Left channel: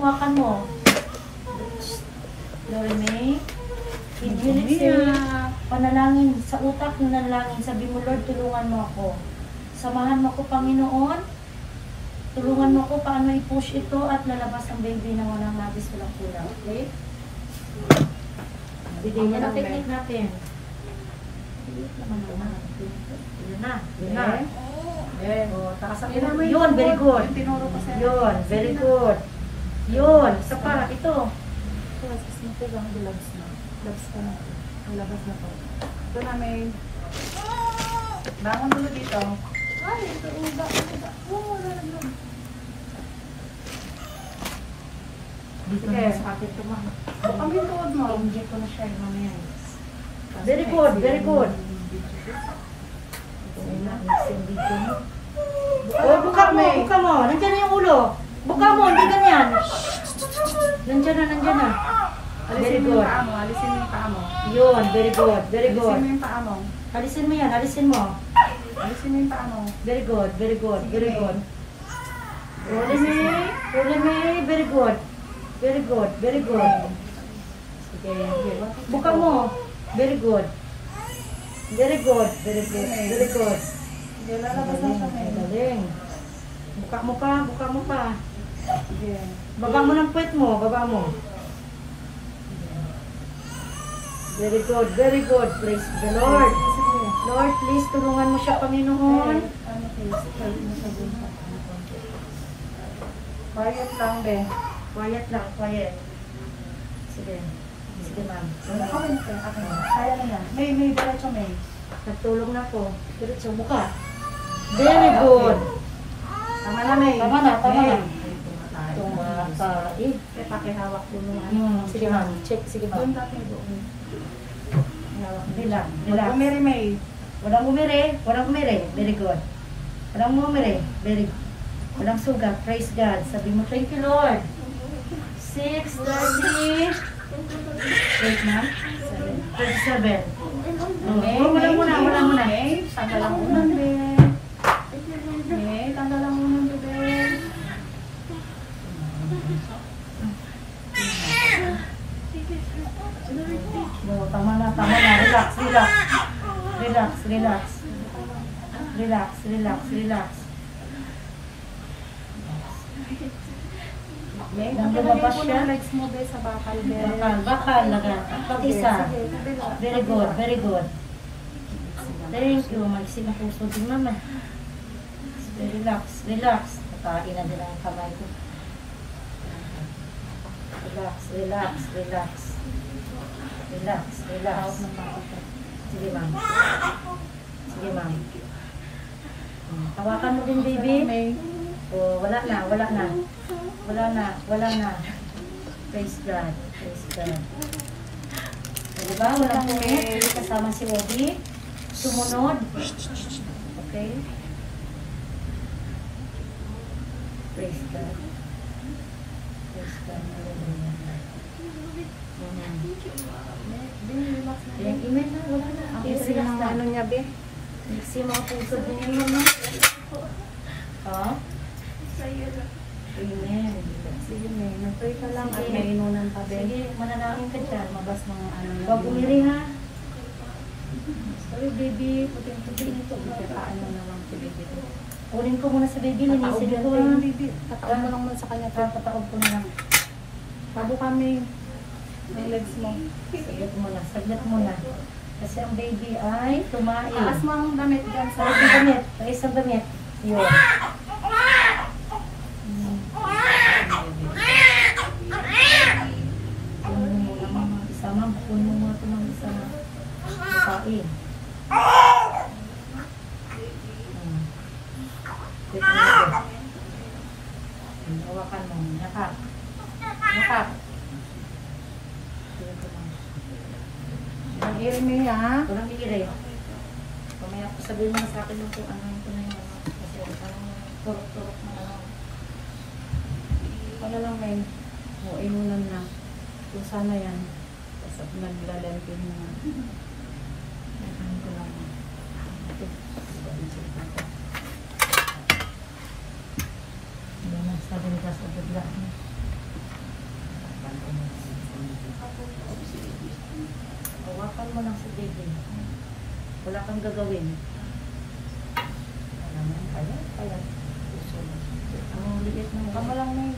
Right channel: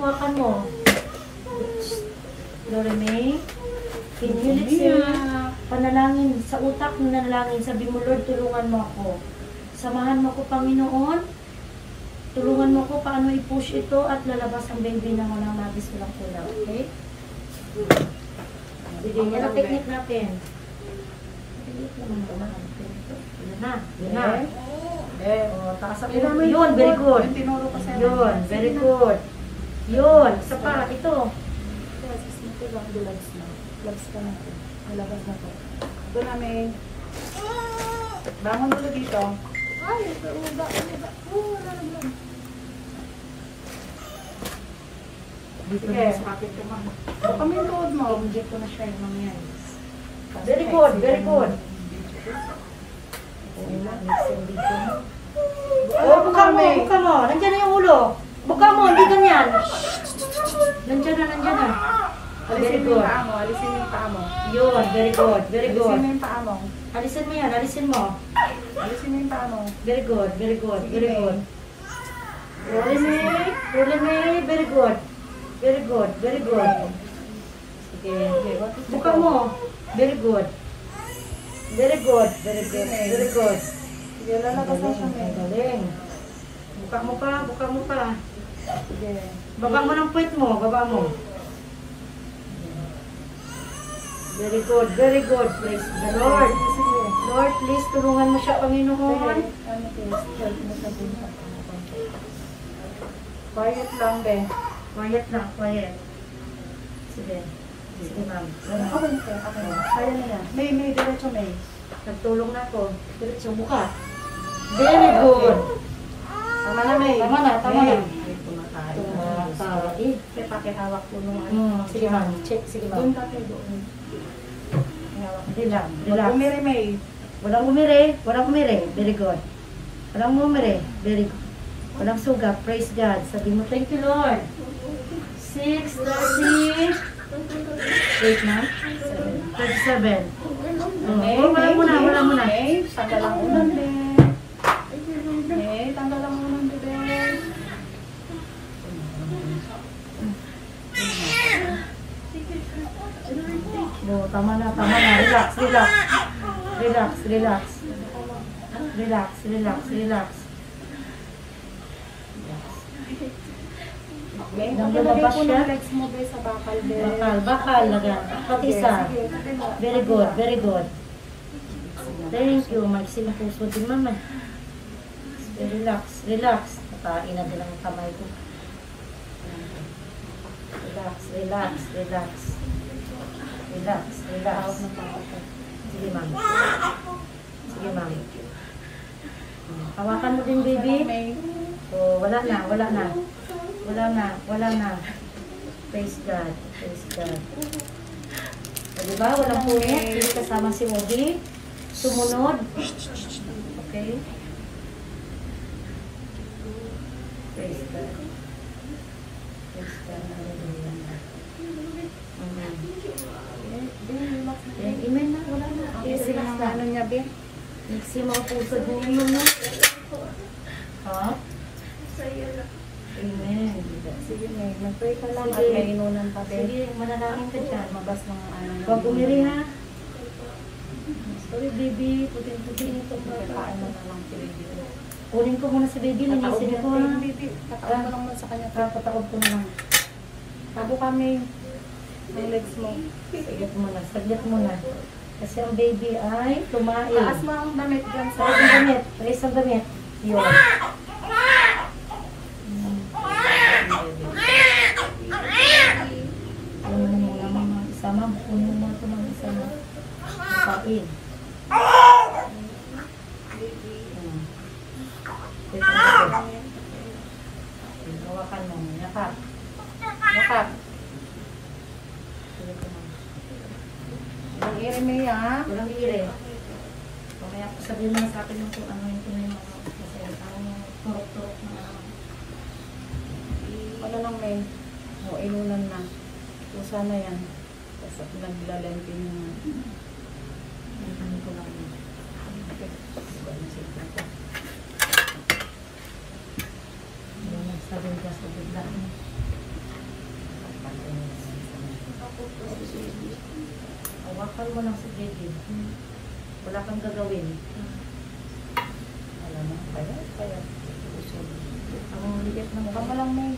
hawakan mo. Loreme, hihilit sa'yo. Panalangin sa utak, nanalangin. Sabi mo, Lord, tulungan mo ako. Samahan mo ako, Panginoon. Tulungan mo ako paano i-push ito at lalabas ang baby ng walang labis, walang kulang. Okay? Bigyan niya na technique natin. Yun na. Yun na. Yun, very good. Yun, very good. Yun, isa pa. Ito. Labas ka na. Labas na to. Ito namin. Bangon ulo dito. Ay, dito na sa kapit ko, ma'am. kami load mo. Dito na siya, mamaya. Very good, very good. Oh, buka mo, buka mo. Nandiyan na yung ulo. Buka mo, hindi ganyan. Nandiyan na. Very good. Alisin mo yung paa mo. Yun, very good, very good. Alisin mo yung paa mo. Alisin mo yan, alisin mo. Alisin mo yung paa mo. Very good, very good, very good. Roleme, very good. Very good, very good. Okay, buka mo. Very good. Very good, very good, very good. Galing. Buka mo ka. Baba mo ng puwet mo, baba mo. Very good, very good. Praise the Lord. Lord, please, tulungan mo siya, Panginoon. Quiet lang din. Quiet lang, quiet. Sige. Sige, ma'am. Kaya lang yan. May diretso may. Nagtulong na ako. Diretso buka. Very good. Tama na may. Tama na. Pakihawak ko mo. Sige, ma'am. Check, sige, Doon ma'am. ka kayo. Relax, relax. Umiri may. Walang umiri. Very good. Walang umiri. Very good. Walang sugat. Praise God. Sabi mo, thank you, Lord. 6, darling. 8, ma'am. 27. Wala muna. Tanggal lang muna, bebe. Tanggal lang muna, bebe. No, tama na. Relax. Nang lumabas siya. Bakal. Pati isa. Very good. Thank you. Magsin ang puso din, mama. Relax. Tain na din ang kamay ko. Relax. Sige, ma'am. Hawakan mo din, baby. Oh, wala na. Praise God. So, diba? Walang punit. Hindi kasama si Obi. Sumunod. Okay? Praise God. Amen na. Wala na. Relax na. Next yung mga puso din yun, mama. Oh? Amen. Sige, mag-pray ka lang. Sige. At may inunan pa din. Sige, manalangin ka dyan. Mabas ng ano. Huwag umiri, ha? Sorry, baby. Putin ito. Paano naman si baby. Kunin ko muna si baby. Linisin ko, ha? Tataon mo lang muna sa kanya. Tataob ko na. Bago kami. Ang legs mo. Saglit muna. Kasi ang baby ay tumain. Taas mo ang damit dyan sa Isang damit. Yun. Kunin mo muna, mama. Isama. Kunin mo muna ito ng isa. Kain. Teka na ito. Hawakan mo. Yakap. Iri niya, ha? Walang iri. Mamaya po sabihin niya sa akin kung ano yung tunay yung turok-turok na ano. Ano lang may inunan na. Kung sana yan. Tapos naglalagay niya. Ano ko lang. Sabi ka sa bigla. ang gagawin. Alam mo, payat. Ang ligat ng Mukha mo lang may...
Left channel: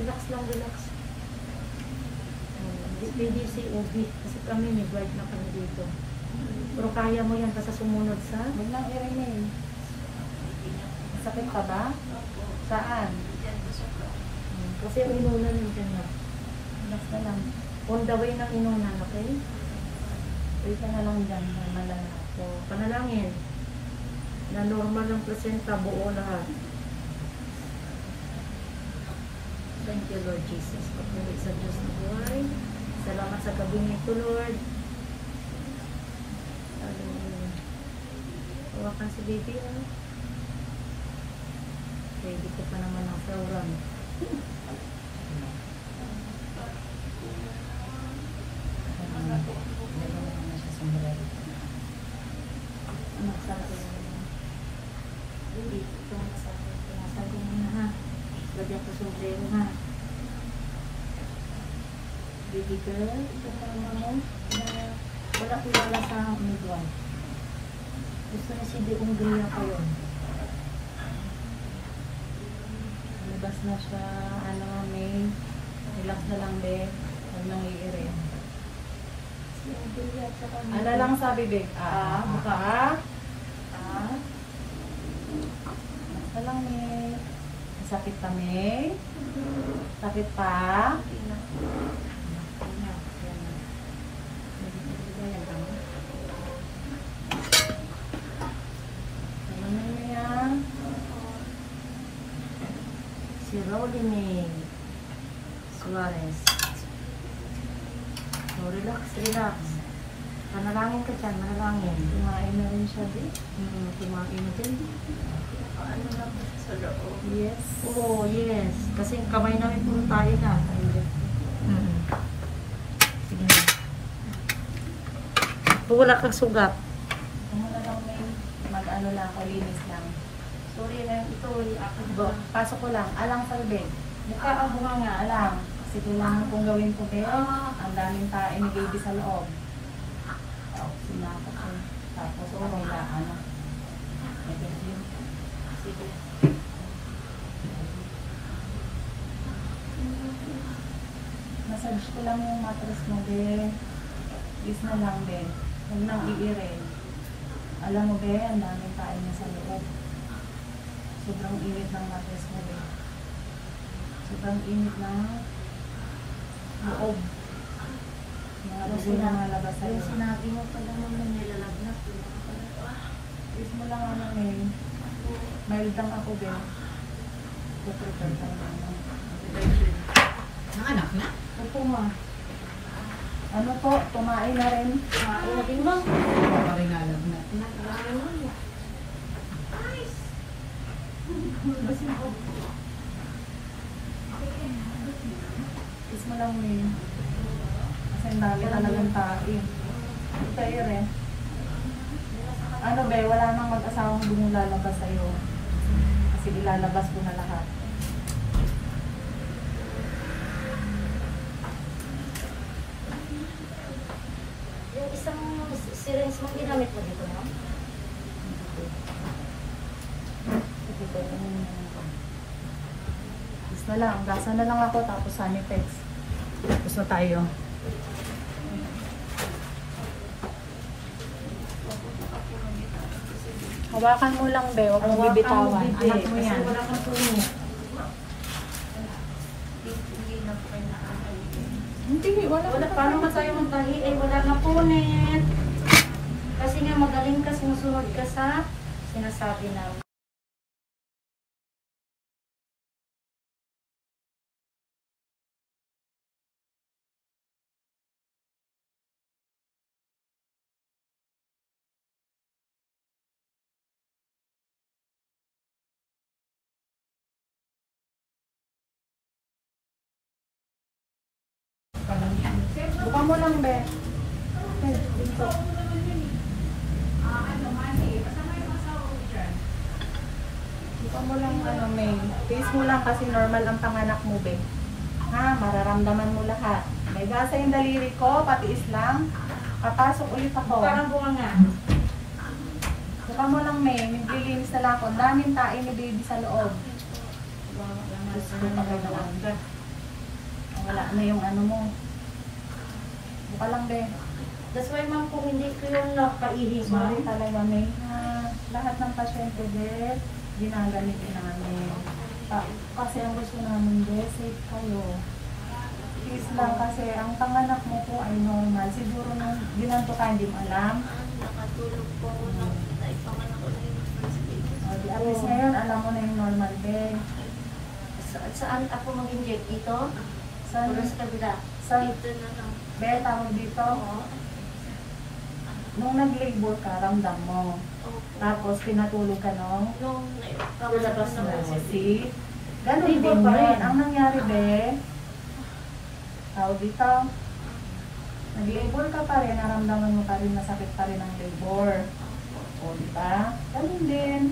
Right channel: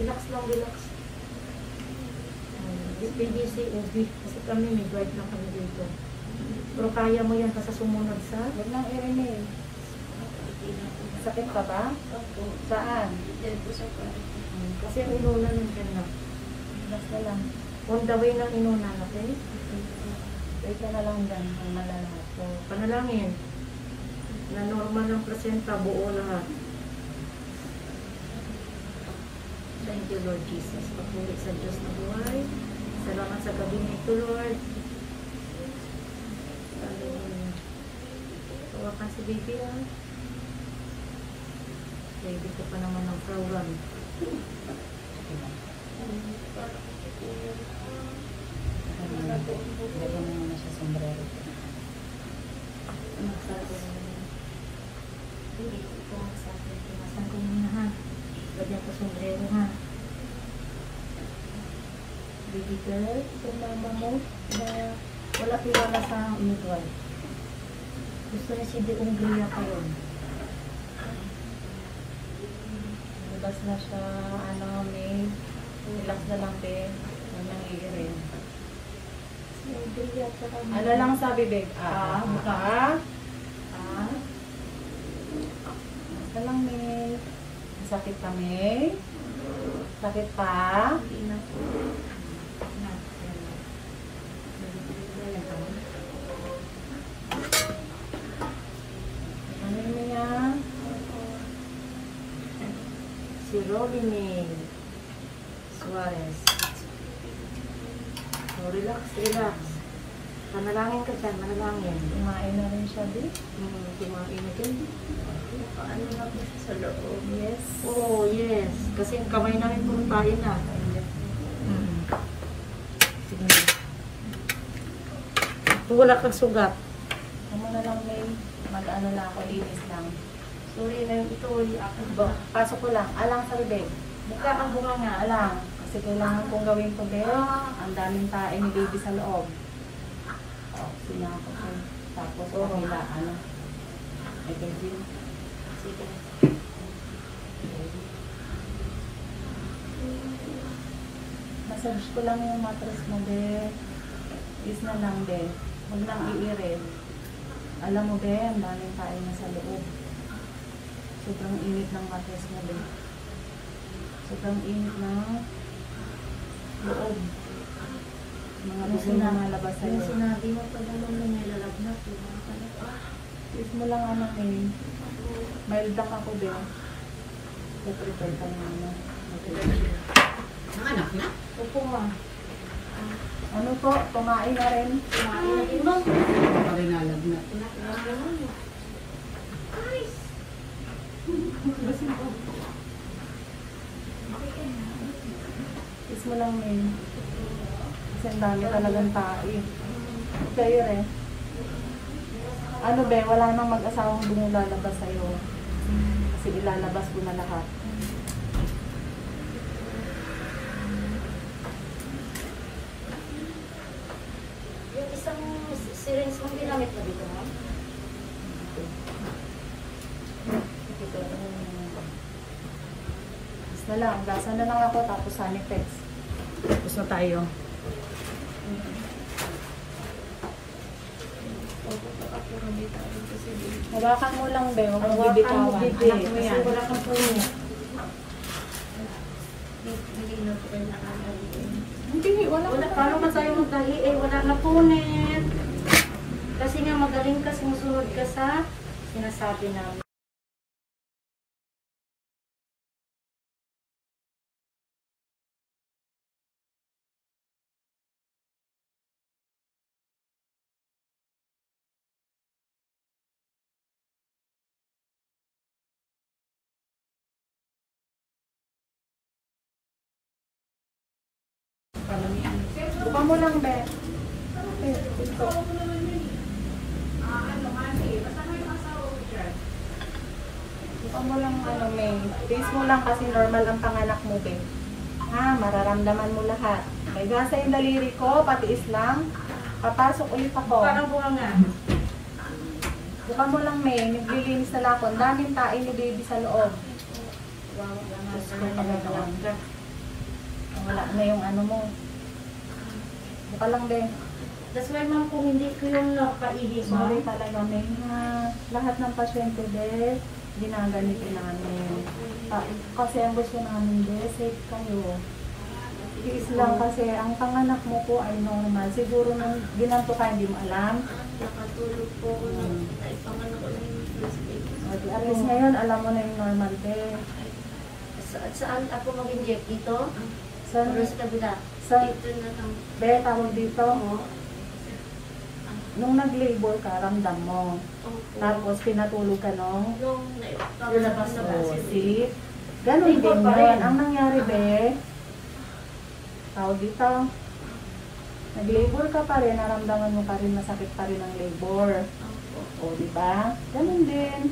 Relax lang, relax. BPDC, OB. Kasi kami may guide na kami dito. Pero kaya mo yan basta sumunod sa... Huwag na hearing eh. Sakit pa ba? Saan? Kasi inunan ka na. Relax na lang. On the way ng inunan, okay? Wait ka na lang dyan. Malala ako. Panalangin. Na normal ng presenta, buo lahat. Thank you, Lord Jesus. Pagpulit sa Diyos na buhay. Salamat sa gabi na ito, Lord. Hallelujah. Tawakan si baby, ha? Ready ko pa naman ng program. Lagyan ko sombrero, ha? Baby girl, itong mama mo na wala kilala sa midwan. Gusto niya si De Ungria kayo. Labas na siya, may relax na lang din. Huwag nang iirin. Si Ungria tsaka Ano lang sabi, babe? Mukha? Relax na lang, may. Sakit pa, may? Sakit pa? Si Robin Suarez. So, relax. Manalangin ka dyan, manalangin. Kumain na rin siya, babe. Kumain din. Paano lang sa loob? Yes. Oh, yes. Kasi kamay namin puro tayo na. Sige. Wala kang sugat. Kumuna lang, babe. Mag-ano lang, linis lang. Sorry na yung ito. Pasok ko lang. Alang sa bibig. Mukha ang bunga nga. Alang. Kasi kailangan kong gawin to, pero ang daming tae ni baby sa loob. Pinako ko. Tapos, kabilaan. Ay, baby. Sige. Massage ko lang yung mattress mo, be. Is na lang, be. Huwag nang iirin. Alam mo, be, ang daming tae na sa loob. Sobrang init ng mattress mo, be. Sobrang init ng loob. Mga buso na nalabas sa'yo. Yung sinabi mo pa naman yung nilalagnat. Is mo lang may mild lang ako, be. Prepare ka na Anak na? Upo mo. Ano to? Tumain na rin. Kumain na din mo. Paringalab na. Is mo lang may. Kasi ang dami talagang tae. Sa'yo rin. Ano be, wala nang mag-asawang bumulalabas sa'yo. Kasi ilalabas ko na lahat. Yung isang syringe mo ginamit mo dito, ma'am? Is na lang. Gasa na lang ako tapos sanitex. Tapos na tayo. Hawakan mo lang, be. Huwag Ang mong bibitawan. bibitawan. Bibi. Anak mo Kasi yan. wala kang puno. Hindi, Wala, paano nga tayo magdahi? Eh, wala na punin. Kasi nga magaling ka, sumusunod ka sa sinasabi namin. Buka mo lang, be. Buka mo lang, May. Tiis mo lang kasi normal ang panganak mo, be. Ha, mararamdaman mo lahat. Igasa yung daliri ko, patiis lang. Papasok ulit ako. Parang bunga nga. Buka mo lang, May. Naglilinis na lang ako. Ang daming tae ni baby sa loob. Wala na yung ano mo. Buka lang din. That's why ma'am, kung hindi ko yung napaihi mo, Sorry talaga, May. Lahat ng pasyente, Beth, ginaganitin namin. Kasi ang gusto namin, Beth, safe kayo. Please lang kasi ang panganak mo po ay normal. Siguro nung ginanto ka, hindi mo alam. Patulog po ako nung ay panganak ko yung At least ngayon, alam mo na yung normal, Beth. saan ako mag-inject? Ito? So, Sa kabila. so, Ito na lang. Beth, tawag dito. Nung nag-labor ka, ramdam mo. Opo. Tapos pinatulog ka, no? Nung Lalabas na po. See? Ganun din Labor pa rin. yun. Ang nangyari, Beth, tawag dito, nag-labor ka pa rin, naramdaman mo pa rin, masakit pa rin ang labor. O, di ba? Ganun din.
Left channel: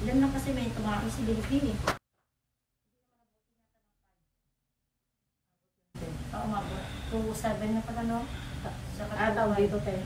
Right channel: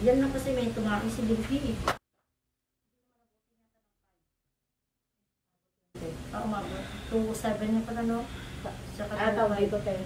Yan na kasi may tumaking si Linky. Tama. 2-7 na pala, no? Tawag dito, te.